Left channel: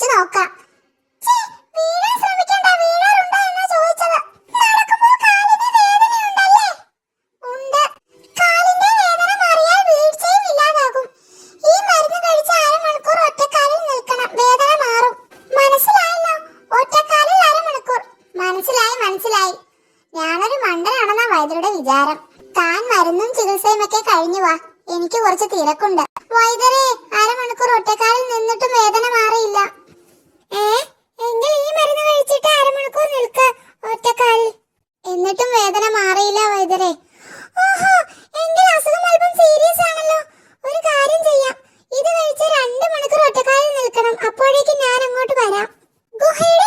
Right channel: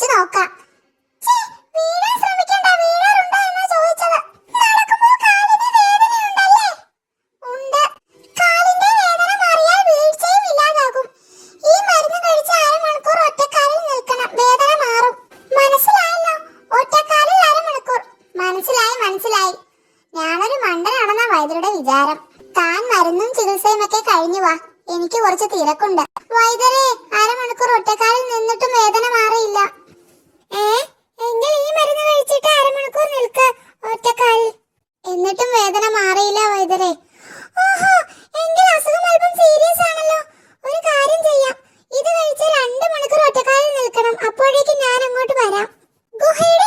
വെച്ച് നോക്കാം. വീഴാൻ ശ്രമിക്കണ്ട, വീഴാറുണ്ടോ എന്നാ ചോദിച്ചത്. നടക്കുമ്പോൾ കാലിന് വേദനയുണ്ടല്ലേ? ഉണ്ട്. കാലിന്റെ വേദന മാറിയാൽ വീഴ്ചയും ഇല്ലാതാകും. ഈ മരുന്ന് കഴിച്ച് അരമണിക്കൂർ ഒറ്റക്കാലിൽ നിൽക്കണം, വേദന മാറും. മനസ്സിലായല്ലോ? ഒറ്റക്കാലിൽ അരമണിക്കൂർ. മനസ്സിലായി മനസ്സിലായി. ഞാനൊരു മണ്ടനാണെന്ന വൈദ്യരുടെ വിചാരം. താൻ മരുന്നും ചികിത്സയും ഒക്കെ കഴിഞ്ഞു വാ, എനിക്ക് കുറച്ച് തിരക്കുണ്ട്. വൈദ്യരെ, അരമണിക്കൂർ ഒറ്റക്കാലിൽ നിന്നിട്ടും വേദന മാറിയില്ല. എങ്കിൽ ഈ മരുന്ന് കഴിച്ചിട്ട് അരമണിക്കൂർ നിൽക്കാം ഒറ്റക്കാലിൽ. എന്നിട്ടും വേദന മാറിയില്ലേ വൈദ്യരെ? ഓഹോ, എങ്കിൽ അസുഖം അല്പം സീരിയസ് ആണല്ലോ. ഒരു കാര്യം ചെയ്യാം, ഇത് കഴിച്ച് 2 മണിക്കൂർ ഒറ്റക്കാലിൽ നിൽക്കണം. അപ്പോഴേക്കും ഞാൻ അങ്ങോട്ട് വരാം. ഗുഹയുടെ